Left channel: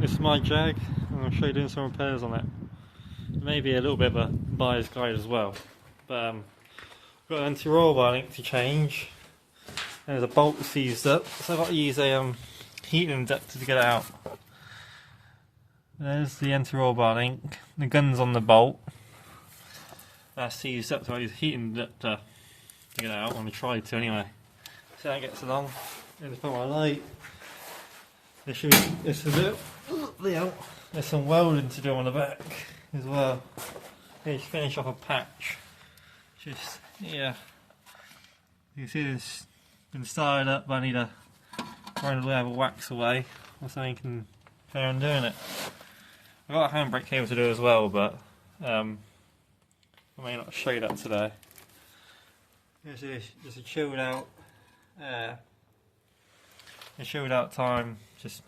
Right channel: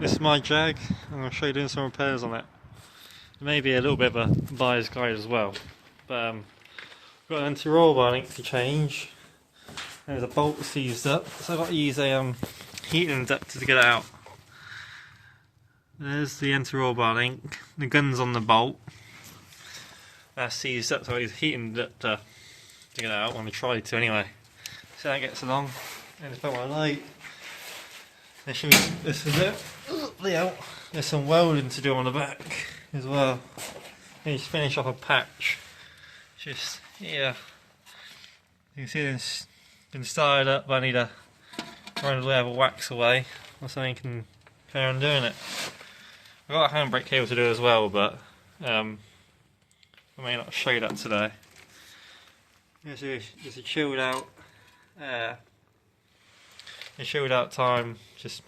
This is my Jag, and I'll show you doing some repairs on it. Maybe a little bit of a buyer's guide as well. But I've got an anti-roll bar link to change. There's a bolt seized up, so I've got to use a heating inductor to get it out. There's the anti-roll bar link. The gun's on the bolt. That's seized up, so I use a heating inductor to get it out. I'm going to try to anyway. See how it gets along. And just put my light. This is it. There's some welding to do on the back as well. Just finish off a patch. Just here. You can see it's been started up, but I need to run a layer of wax away or something can carry on doing it. I've got a handbrake cable to do as well, but I may not show you that today. There's a chilled out time, just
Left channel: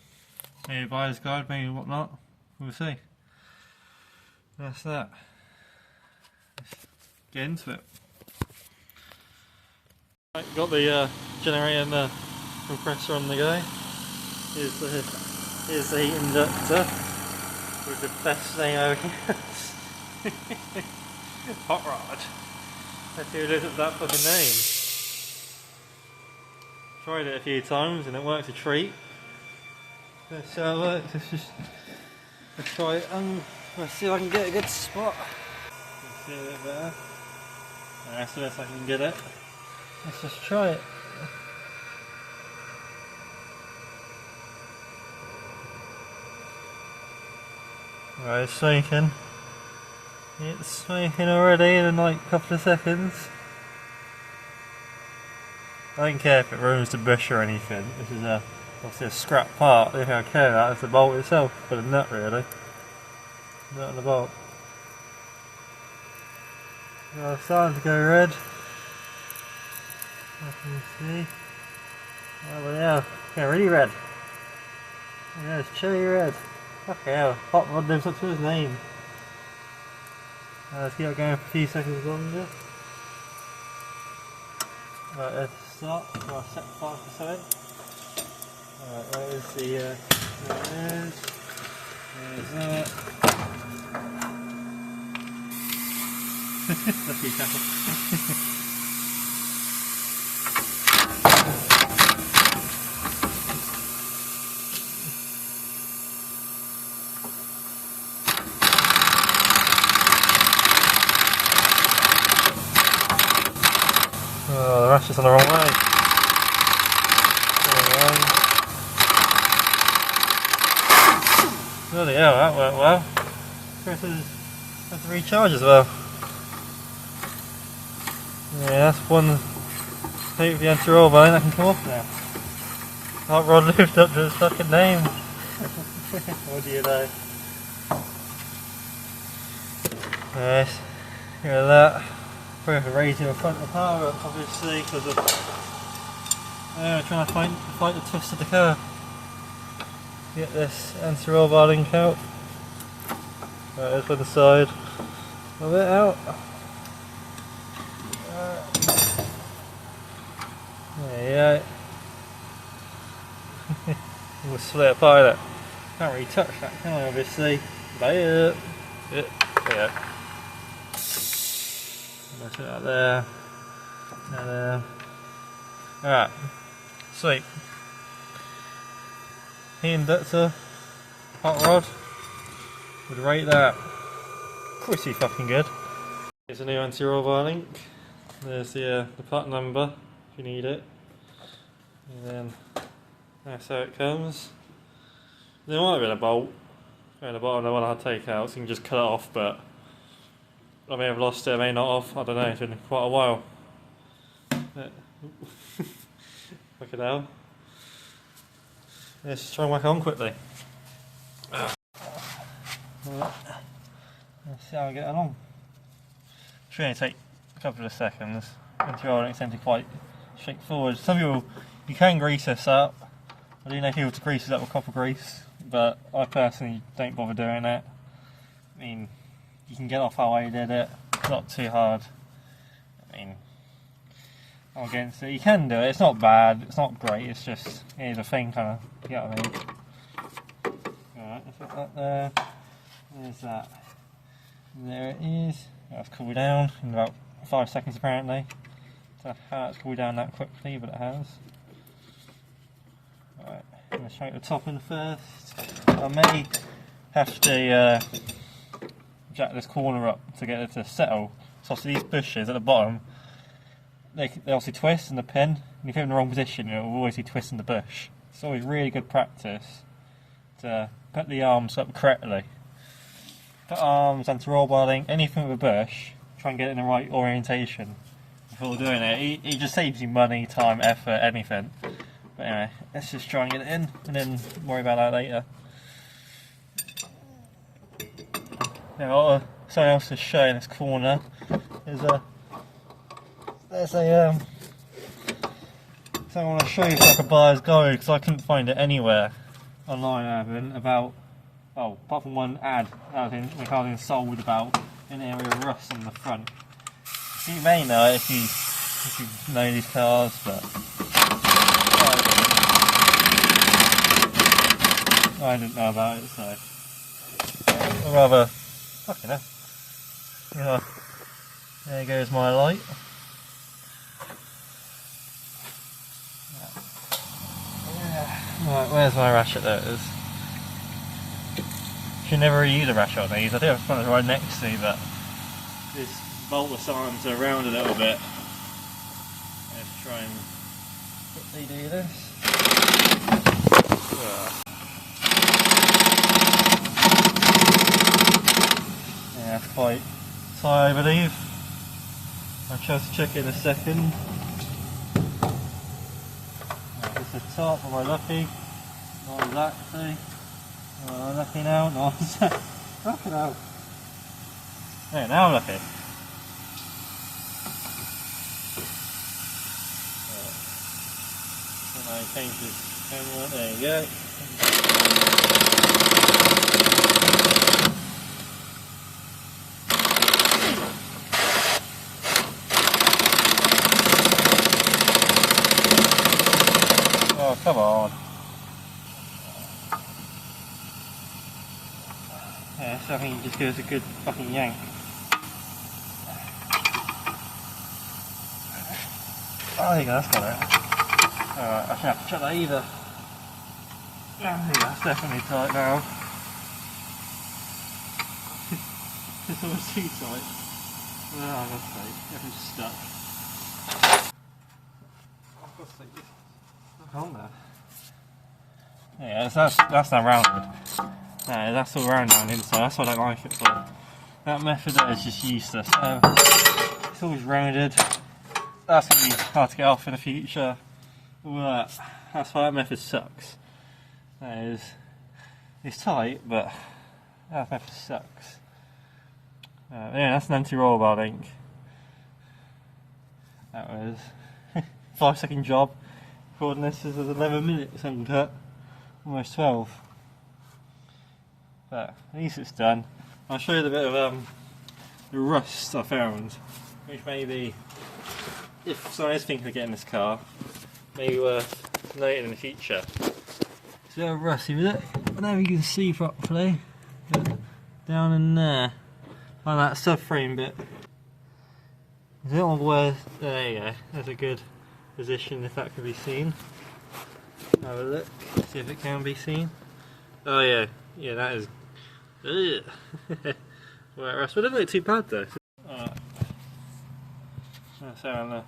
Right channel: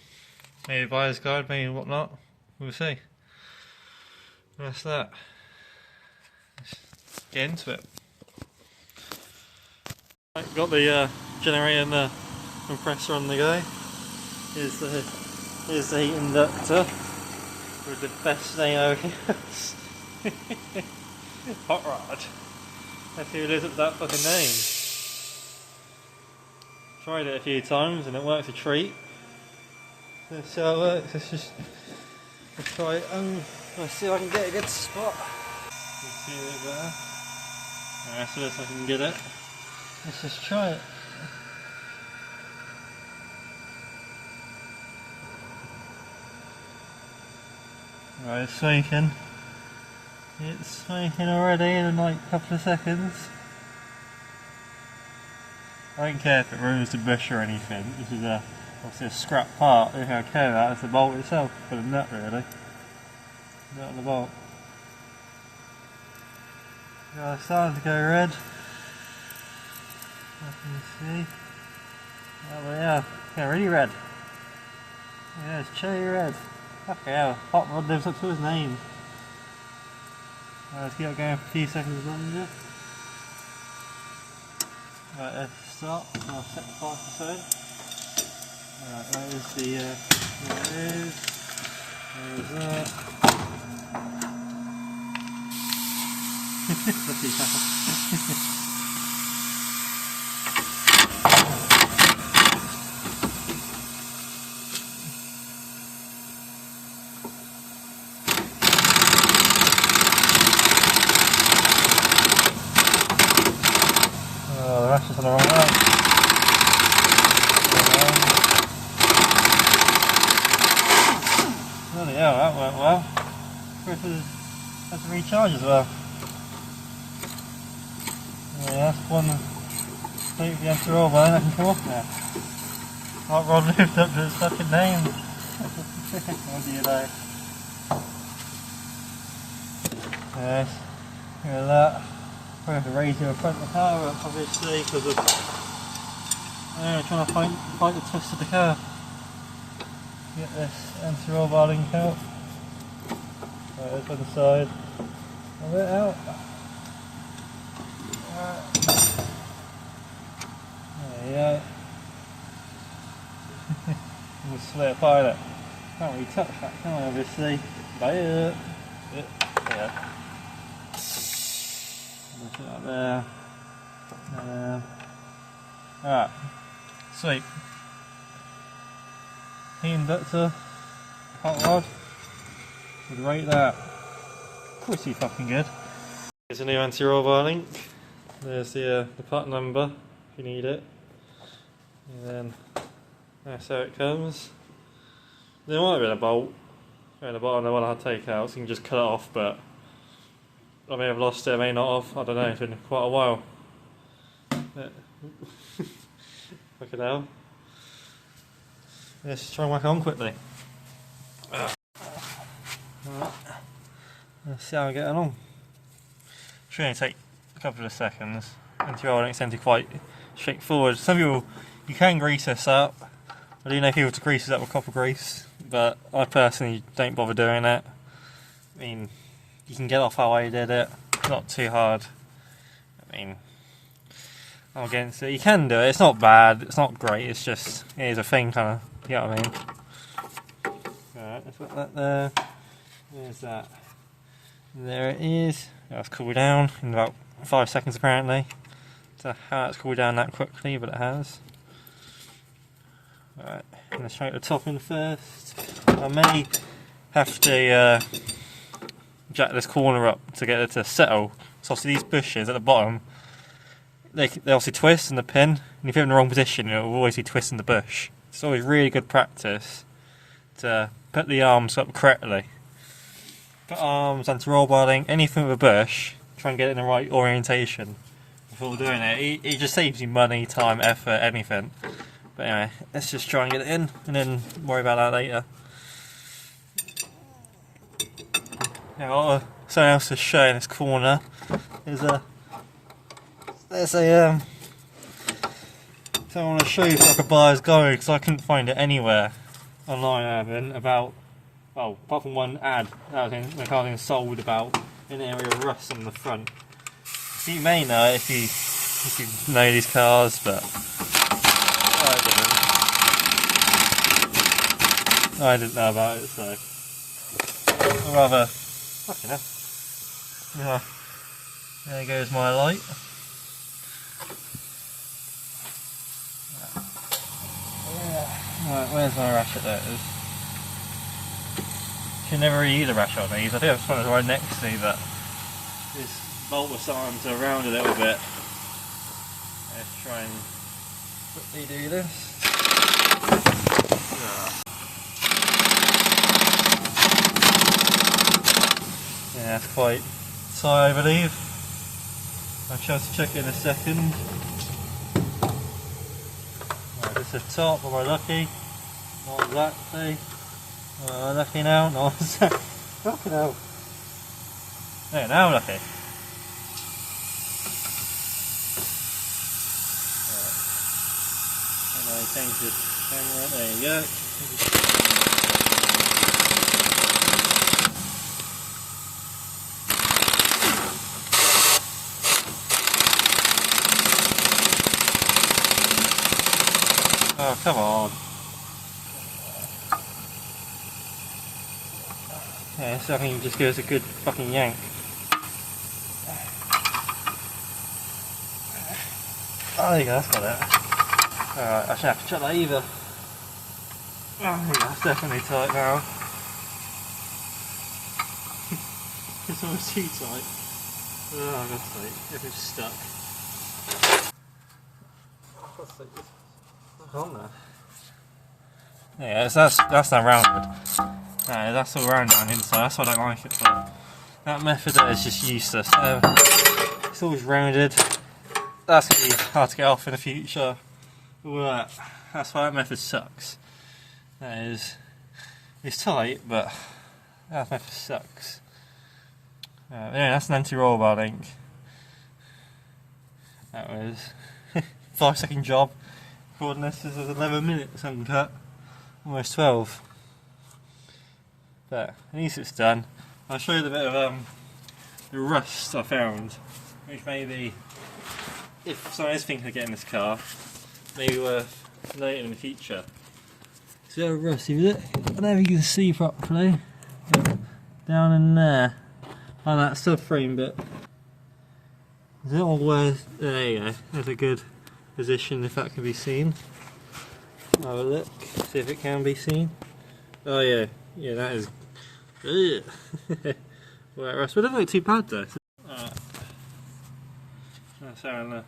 maybe a buyer's guide, maybe whatnot. We'll see. That's that. Let's get into it. Right, got the generator and the compressor on the go. Here's the heat inductor with the best name over here. Hot Rod. Let's see who lives up to that fucking name. Tried it a few times and it works a treat. Let's see how it works. Let's try it and let's see if I can get a good spot. Let's see a bit better. That's the best I can get it. Let's just try it. Right, it's shaking. It's shaking already in like a couple of seconds. I don't care if it ruins the bush or anything. This is a scrap part. The only thing I care about is the bolt itself, but the nut really. The nut and the bolt. It's starting to go red. As you can see. Oh yeah, really red. Yeah, it's cherry red. Okay, hell, Hot Rod lives up to his name. Let's keep it going for a few seconds longer. Right, let's start. I'll set the 5%. Right, there's there it is. There's that. Let's see if the ratchet's on the wrong way. Bloody hell, that worked well. Has to recharge as well. Yeah, that's one thing with the anti-roll bar that can come off now. Hot Rod lived up to his fucking name. What do you know? Yes, look at that. We have to raise the front of the car up, obviously, because of we're trying to fight the twist of the curve. Get this anti-roll bar link out. Right, there's one side of it out. There you go. We'll split it apart it. Can't really touch that, can I, obviously? But yeah. Put that there, and there. Alright, sweet. Heat inductor, Hot Rod, would rate that pretty fucking good. Here's a new anti-roll bar link. There's the part number if you need it, and then that's how it comes. There might have been a bolt at the bottom. The one I had to take out, so you can just cut it off, but I may have lost it, I may not have, I don't know, it's been quite a while. Look at that. Let's try and whack it on quickly. Right. Let's see how I get along. Should only take a couple of seconds. Anti-roll links tend to be quite straightforward. Some people, you can grease this up. I do know people to grease it up with copper grease, but I personally don't bother doing it. I mean, you can get off how I did it, not too hard. I mean, I'm against it. You can do it, it's not bad, it's not great, it's just, it is a thing kind of, you know what I mean? Right, let's put that there. Where's that? There it is. That's cooled down in about 5 seconds apparently. So how it's cooled down that quickly, but it has. Alright, I'm going to try the top in first. I may have to jack this corner up to get it to settle. So obviously these bushes at the bottom, they obviously twist in the pin, and if you're in the wrong position, it will always be twisting the bush. It's always really good practice to put the arms up correctly. Put arms, anti-roll welding, anything with a bush, try and get it in the right orientation before doing it. It just saves you money, time, effort, anything. But anyway, let's just try and get it in, and then worry about that later. Now, something else to show in this corner is there's a so I want to show you how the buyer's going, because I couldn't find it anywhere online. I haven't about, well, apart from one ad that was being sold about an area of rust on the front. So you may know if you know these cars, but I didn't know about it, so I'm rather fucking hell. Yeah, there goes my light. Right, where's my ratchet? There it is. Should never really use a ratchet on these. I do have something right next to, but this bolt was starting to round a little bit. Let's try and quickly do this. Yeah, it's quite tight, I believe. I'll just check in a second. This is the top, am I lucky? Not exactly. Am I lucky now? Not exactly. Fucking hell. Yeah, now I'm lucky. Right. And I change the camera, there you go. Oh, come on. Yeah, so I think it just gives a good fucking yank. Oh, there you go, that's got it. Alright, I shouldn't have to check that either. Oh, there you go, that's definitely tight now. It's almost too tight. Oh, that's tight. If it's stuck. On there. Yeah, that's not rounded. No, that's all round on the inside. That's what I don't like it for. That method there is just useless. It's always rounded. That's going to be hard to get off in the future. All that. That's why that method sucks. That is, it's tight, but that method sucks. Anyway, that's an anti-roll welding. That was 5-second job. Recording this is 11 minutes uncut, almost 12. But at least it's done. I'll show you the bit of the rust I found, which maybe, if someone is thinking of getting this car, maybe worth noting in the future. It's a bit of rusty with it. I don't know if you can see properly. Down in there, on that subframe bit. There's a little where, there you go, there's a good position if that can be seen. Have a look, see if it can be seen. Oh yeah, yeah, that is. Well, rust, but it doesn't look too bad though. So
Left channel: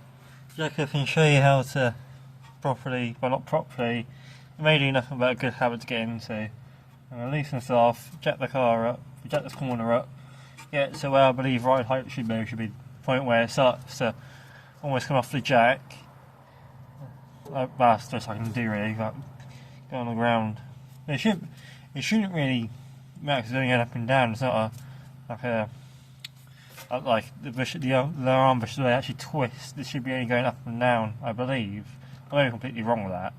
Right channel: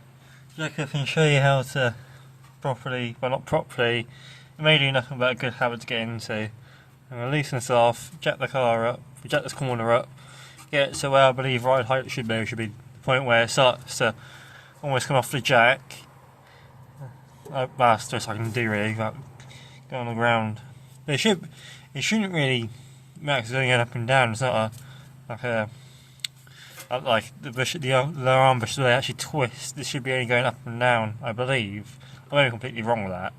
I can show you how to properly, well not properly, it may do nothing but a good habit to get into. I'm going to loosen this off, jack the car up, jack this corner up, get it so where I believe right height it should be the point where it starts to almost come off the jack. That's the best I can do really, without going on the ground. But it shouldn't really matter because it's only going up and down. It's not like the bush, the arm bush, they actually twist. This should be only going up and down, I believe. I may be completely wrong with that.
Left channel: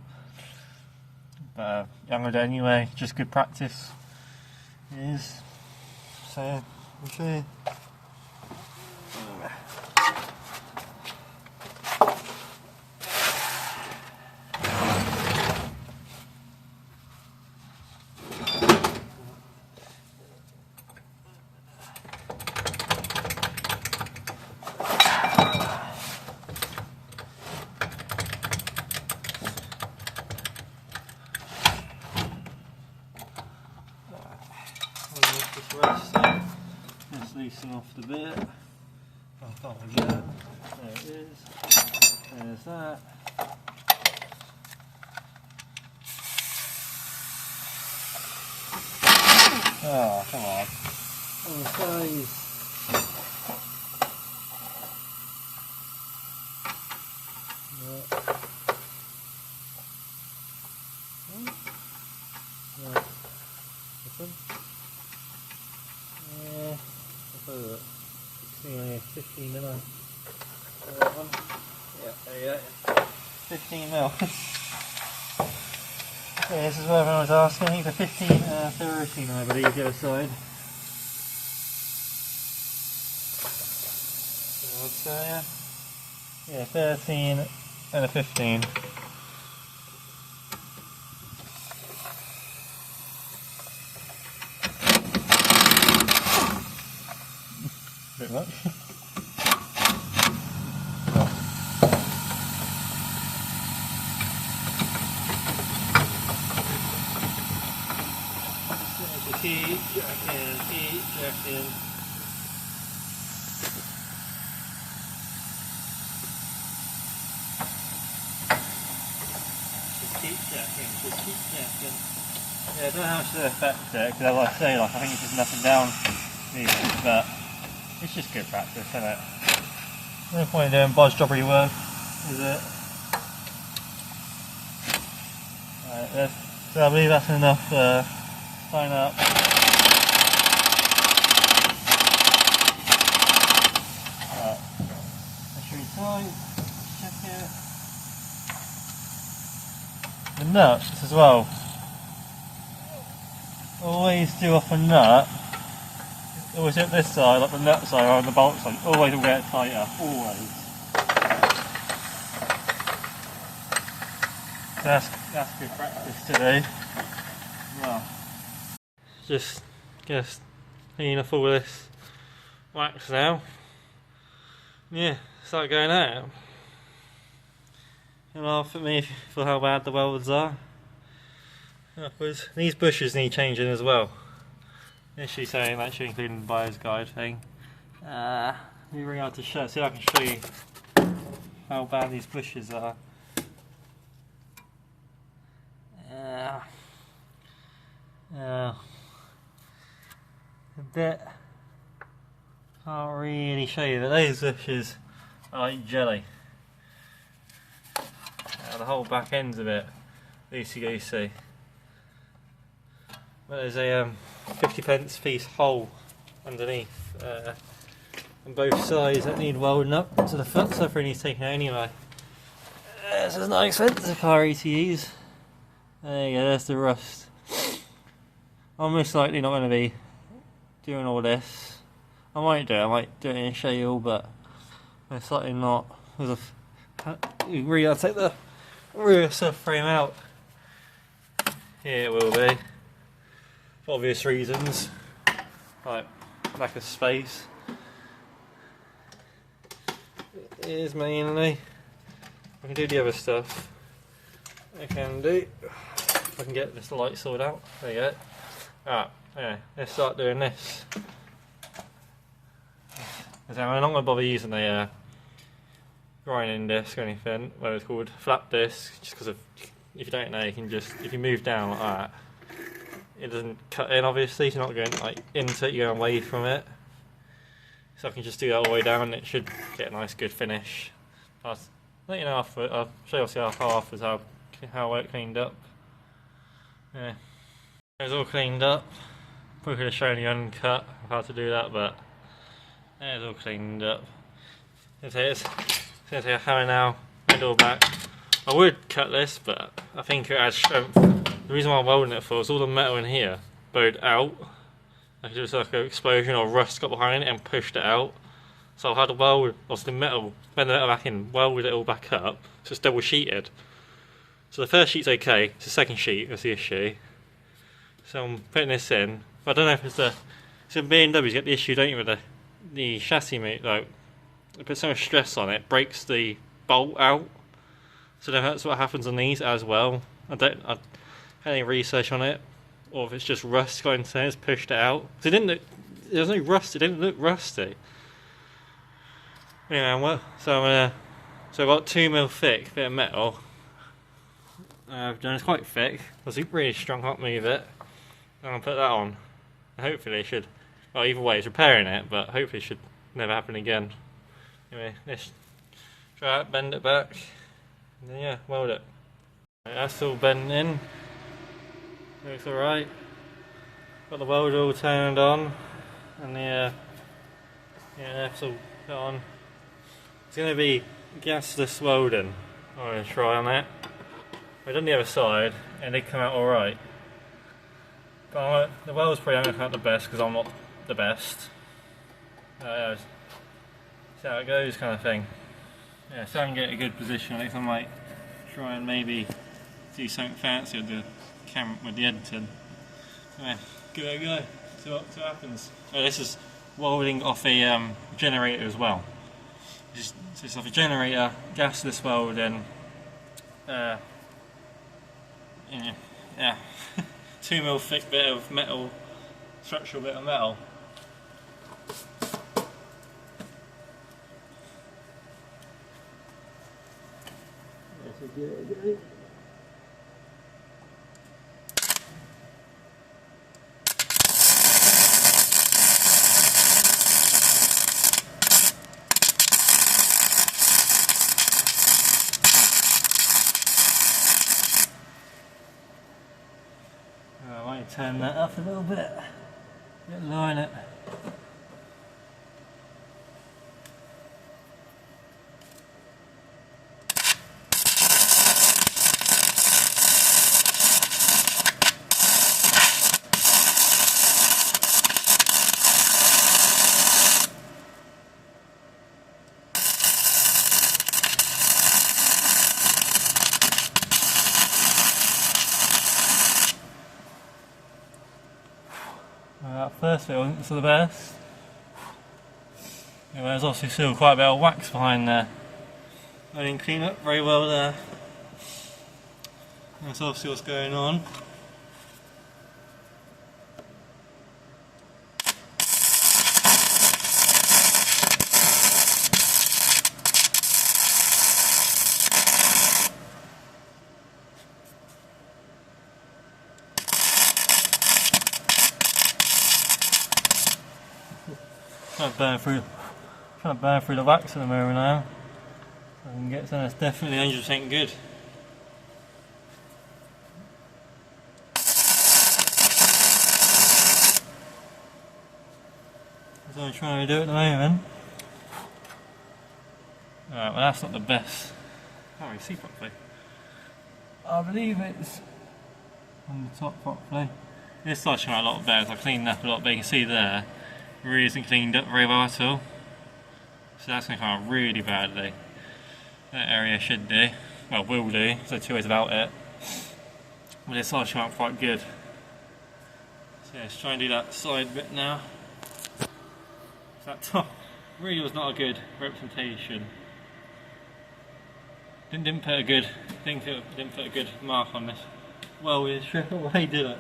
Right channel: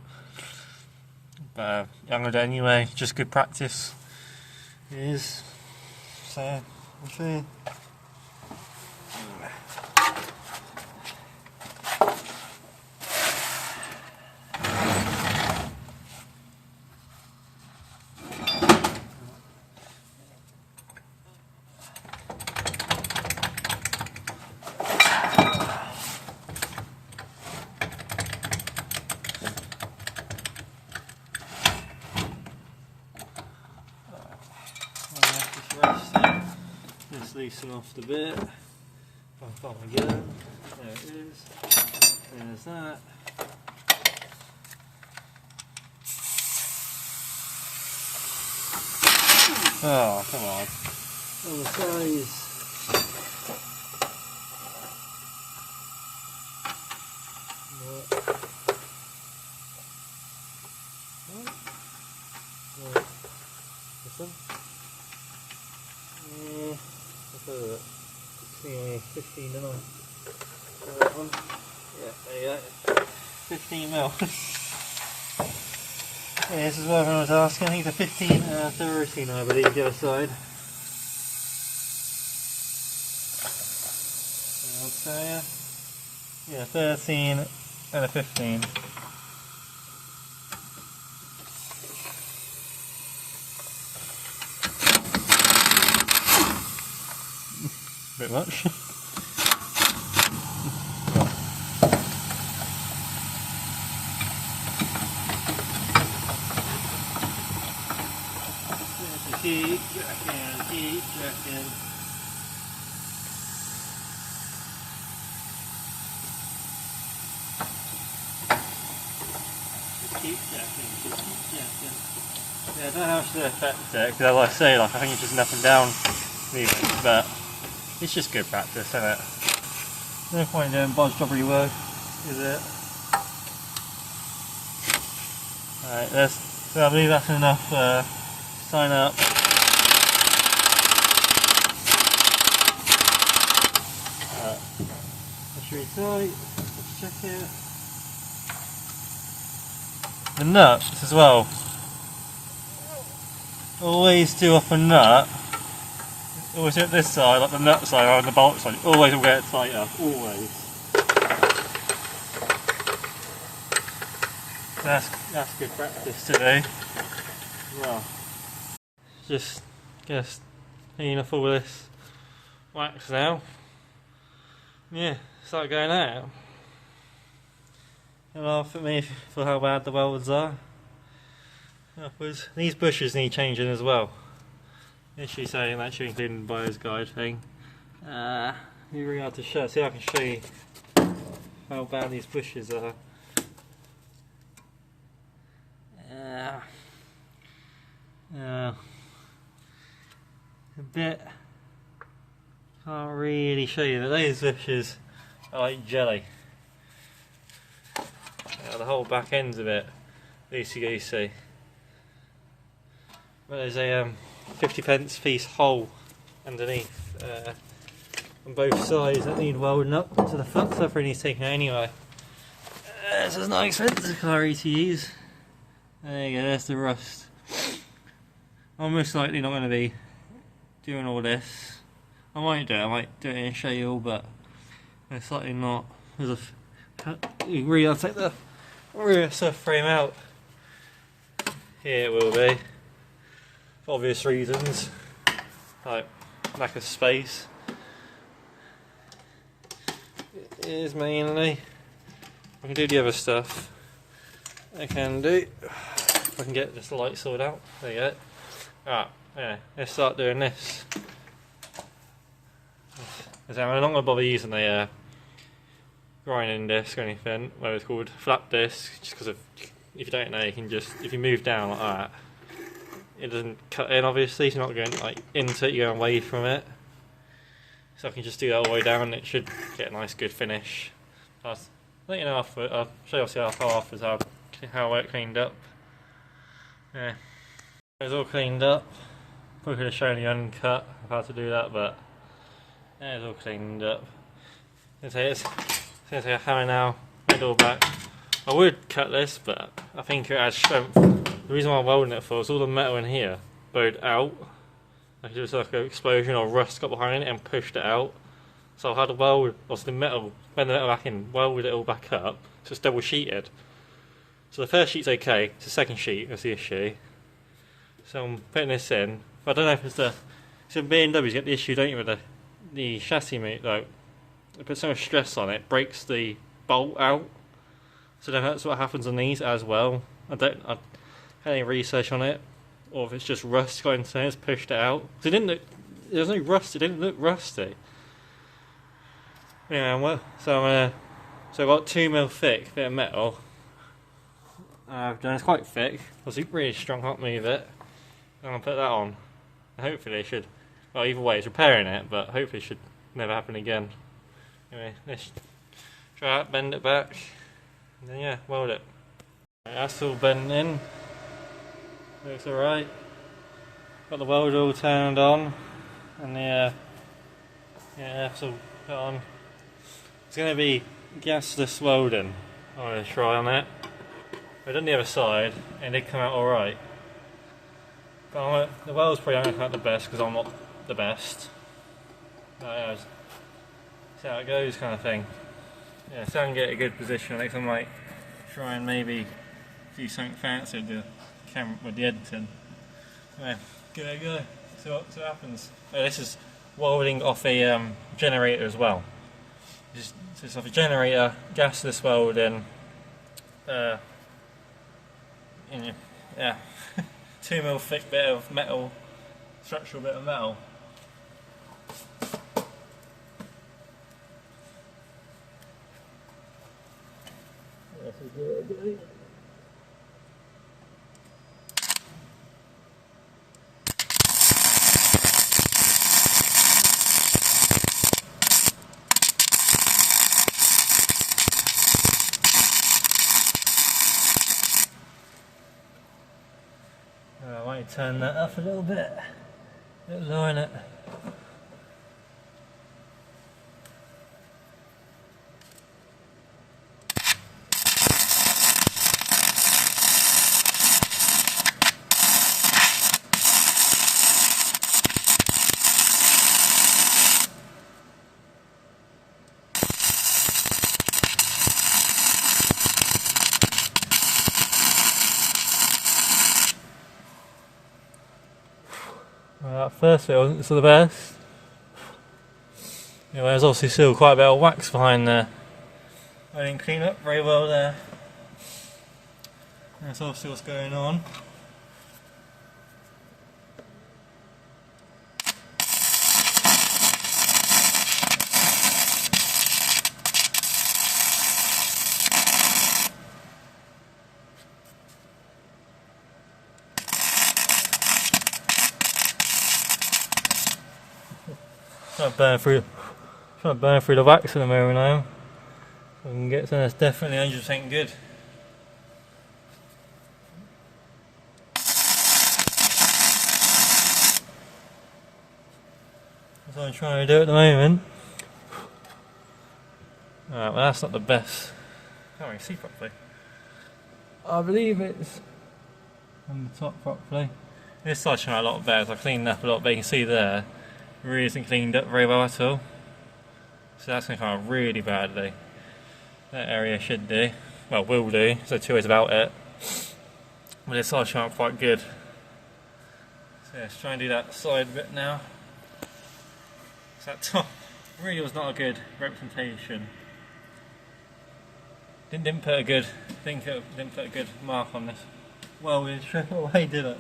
But I'm going to do it anyway, just good practice. It is. So, I'll show you. Just rest it. Just loosen off the bit. I can't get it. There it is. There's that. Oh, come on. Oh, the size. Anyway, 15 didn't I? That one. Yeah, there you go. 15 mil. Yeah, this is what everyone was asking. I think it's a 15, 13 I believe, the other side. So, yeah, 13 and a 15. Bit much. Keep jacking. Yeah, I don't know how much to affect it, because like I say, like I think it's just an up and down movement, but it's just good practice, isn't it? No point in doing bodge jobbery work, is it? Alright, so I believe that's enough. Sign up. Alright, that should be tight. Let's check it. The nuts as well. Always do off a nut. Always hit this side, like the nut side or on the bolt side. Always will get it tighter. Always. That's good practice to do. Well. Just clean off all this wax now. Yeah, start going out. You laugh at me for how bad the welds are. Upwards. These bushes need changing as well. Literally saying that should include in the buyer's guide thing. Let me bring out the shirt, see if I can show you how bad these bushes are. A bit, can't really show you, but those bushes are like jelly. The whole back end's a bit loosey-goosey. But there's a 50p piece hole underneath on both sides that need welding up to the foot, so everything needs taken out anyway. This is not expensive car to use. There you go, there's the rust. I'm most likely not going to be doing all this. I might do it and show you all, but most likely not. You really got to take the rear subframe out. Here it will be. For obvious reasons. Like lack of space. It is mainly. I can do the other stuff. I can do. I can get this light sorted out. There you go. Alright, yeah, let's start doing this. I'm not going to bother using the grinding disc or anything, whether it's called flap disc, just because if you don't know, you can just, if you move down like that, it doesn't cut in obviously, so you're not going like into it, you're going away from it. So I can just do that all the way down and it should get a nice good finish. I'll let you know after, I'll show you afterwards how it cleaned up. Yeah. It was all cleaned up. Probably could have shown you uncut of how to do that, but yeah, it's all cleaned up. It's going to take a hammer now, made it all back. I would cut this, but I think it adds strength. The reason why I'm welding it for is all the metal in here bowed out. Like it was like an explosion or rust got behind it and pushed it out. So I had to weld, obviously the metal, bend the metal back in, weld it all back up, so it's double sheeted. So the first sheet's okay, it's the second sheet that's the issue. So I'm putting this in. But I don't know if it's the... So BMWs you get the issue, don't you, with the chassis mate, like, they put so much stress on it, breaks the bolt out. So then that's what happens on these as well. I had any research on it. or if it's just rust got into there, it's pushed it out. Cause it didn't look, there was no rust, it didn't look rusty. Anyway, so I've got 2mm thick bit of metal. I've done it's quite thick. I was really strong, can't move it. I'm gonna put that on. Hopefully it should. Well, either way, it's repairing it, but hopefully it should never happen again. Anyway, let's try it, bend it back, and then yeah, weld it. Right, that's all bent in. Looks alright. Got the welder all turned on, and the yeah, that's all put on. It's going to be gasless welding. I'm going to try on it. I've done the other side and it come out alright. But the weld's probably not going to come out the best because I'm not the best. Yeah, see how it goes kind of thing. Yeah, so I can get a good position. Next I might try and maybe do something fancy with the camera, with the editing. Yeah, give it a go. See what happens. This is welding off a generator as well. So it's off a generator, gasless welding, yeah, 2mm thick bit of metal, structural bit of metal. This is good. I might turn that up a little bit lower in it. Firstly, it wasn't so the best. Anyway, there's obviously still quite a bit of wax behind there. I didn't clean up very well there. That's obviously what's going on. Trying to burn through the wax at the moment now. So I can get something that's definitely 100% good. That's what I'm trying to do at the moment. Alright, well that's not the best. Can't really see properly. I believe it's on the top properly. This side's showing a lot better, so I've cleaned up a lot, but you can see there, it really isn't cleaned up very well at all. So that's going to come out really badly. That area should do, well will do, so 2 ways about it. But this side's showing up quite good. So let's try and do that side bit now. So that top really was not a good representation. Didn't put a good mark on this. Well, we stripped away, did it?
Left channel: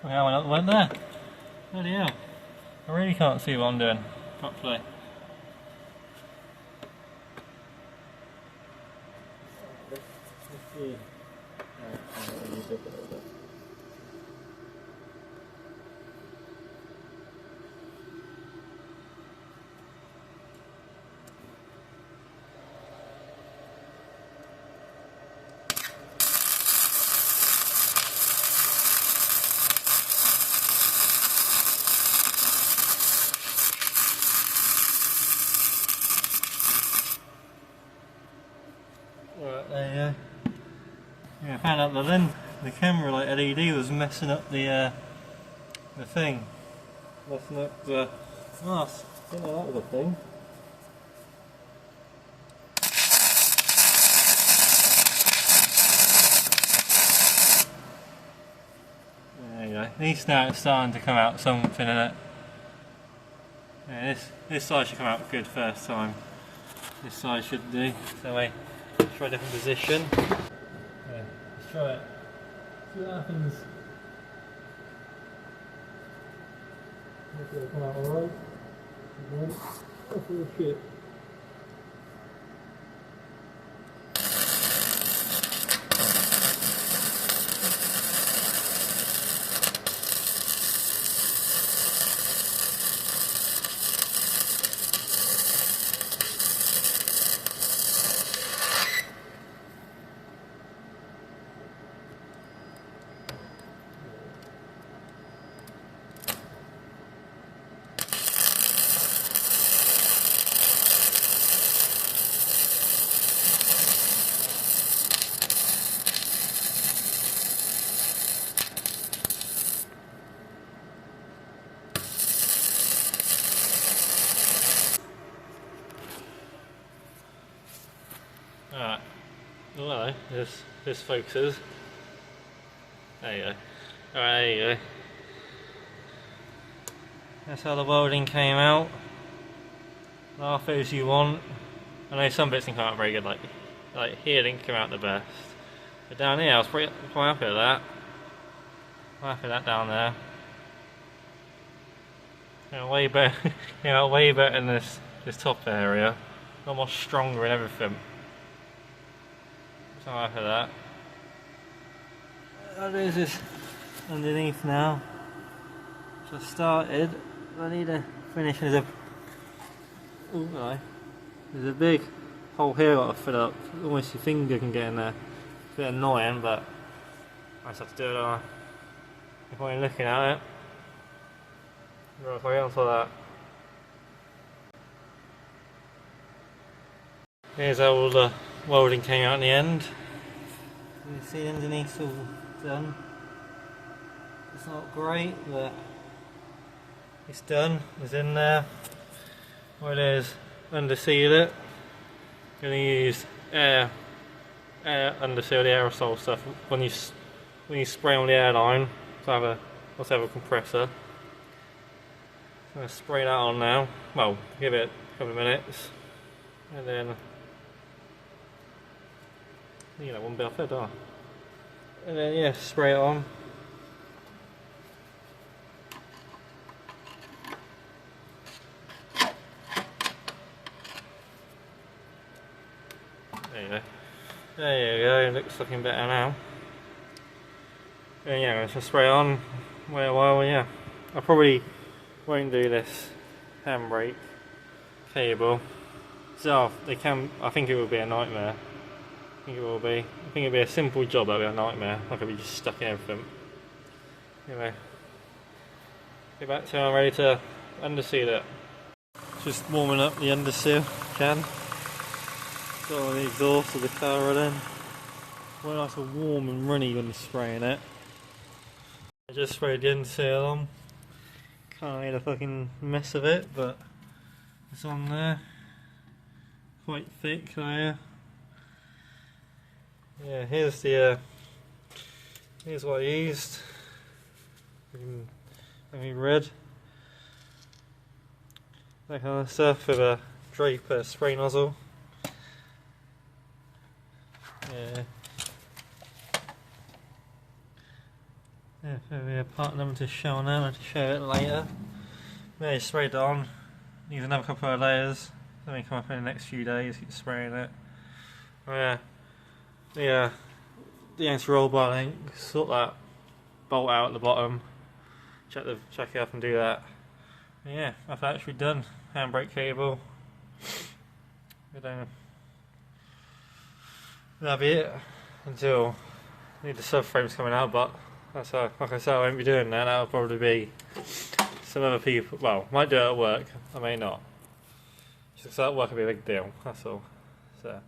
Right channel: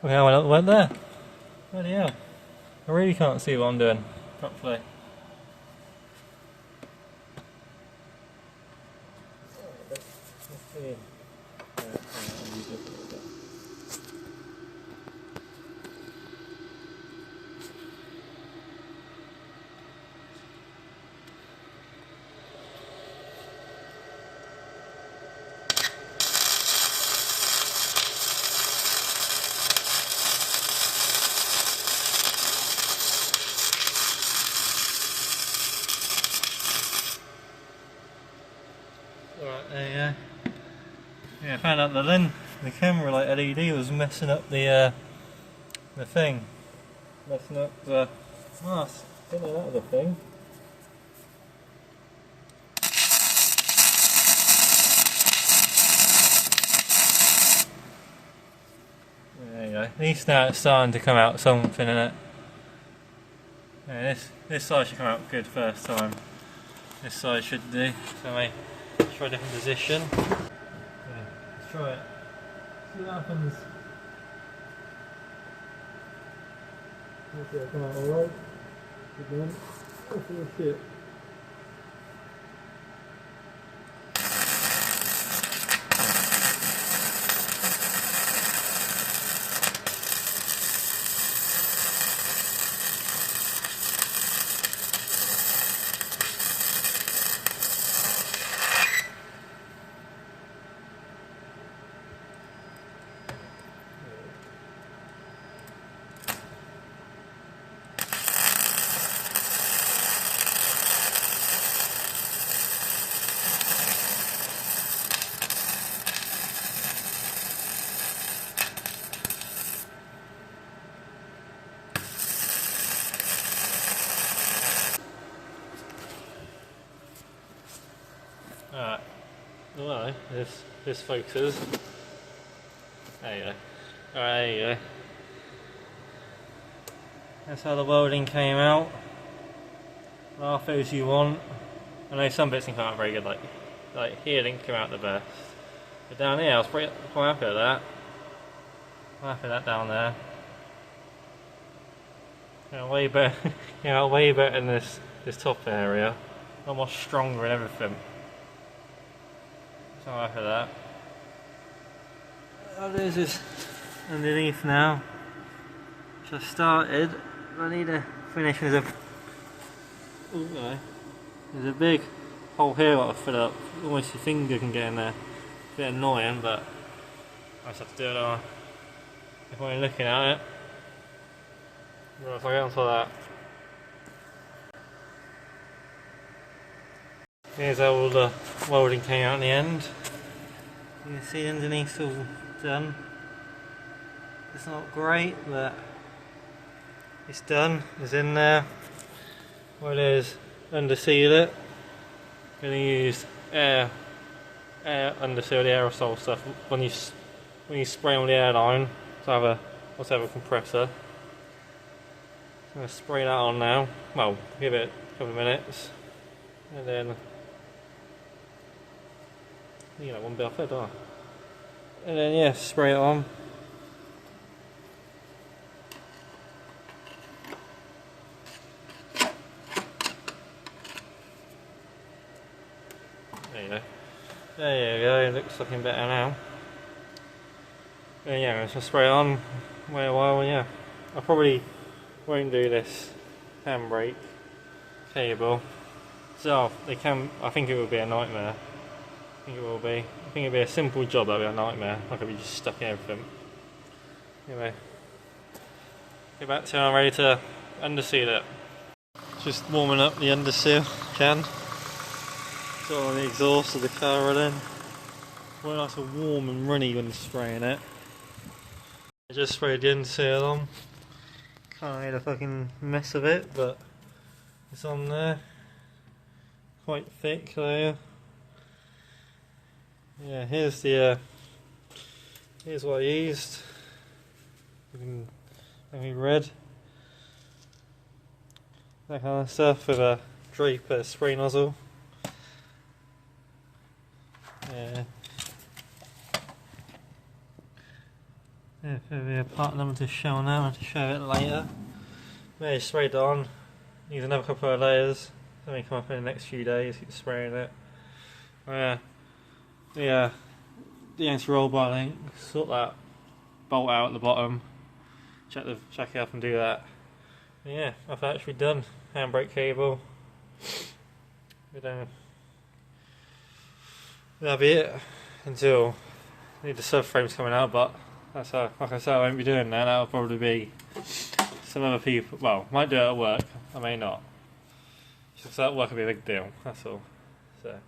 Look how well it went there. Bloody hell. I really can't see what I'm doing properly. Let's see. Alright, there you go. Yeah, I found out the camera like LED was messing up the thing. Messing up the mask. I didn't know that was a thing. at least now it's starting to come out something in it. Yeah, this side should come out good first time. This side should do. So let's try a different position. Yeah, let's try it. See what happens. Hopefully it'll come out alright. Again. Hopefully it'll fit. Alright, well, this focuses. There you go. Alright, there you go. That's how the welding came out. Laugh as you want. I know some bits didn't come out very good, like here didn't come out the best. But down here I was quite happy with that. Quite happy with that down there. Way better, way better in this top area. A lot more stronger and everything. So I'm happy with that. What is this underneath now? Which I started. I need to finish with a. Oh no. There's a big hole here I've got to fill up. Almost your finger can get in there. It's a bit annoying, but I just have to do it if I'm looking at it. Right, if I get onto that. Here's how all the welding came out in the end. You can see underneath all done. It's not great, but it's done. It's in there. What it is, underseal it. Going to use air underseal the aerosol stuff when you spray on the airline. So also have a compressor. I'm going to spray that on now. Well, give it a couple of minutes, and then. You know, one bit off it, don't I? And then yeah, spray it on. There you go. There you go, it looks looking better now. And yeah, let's just spray it on. Wait a while, yeah. I probably won't do this handbrake cable. So I think it will be a nightmare. I think it will be. I think it'll be a simple job, that'll be a nightmare. I could be just stuck in everything. Anyway, get back to it, I'm ready to underseal it. Just warming up the underseal can. Got on the exhaust of the car running. Well, nice and warm and runny when spraying it. I just sprayed the underseal on. Can't make a fucking mess of it, but it's on there. Quite thick layer. Yeah, here's what I used. Maybe red. That kind of stuff with a Draper spray nozzle. Yeah. Yeah, maybe a part number to show now and to show it later. Yeah, you sprayed it on. Needs another couple of layers. Something come up in the next few days. Keep spraying it. Oh yeah. The anti-roll bar link, sort that bolt out at the bottom, check it up and do that. And yeah, I've actually done handbrake cable. That'll be it until I need the subframes coming out, but that's how, like I said, I won't be doing that. That'll probably be some other people, well, might do it at work, I may not. Just that work will be a big deal, that's all. So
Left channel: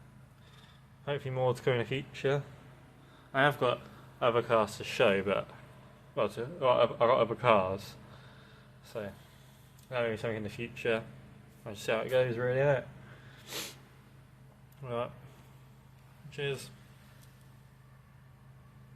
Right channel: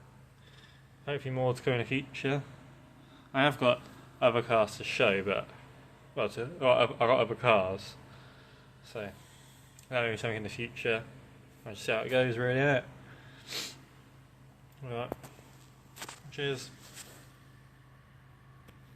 hopefully more to come in the future. I have got other cars to show, but well, I've got other cars, so that'll be something in the future. I'll just see how it goes, really. Alright, cheers.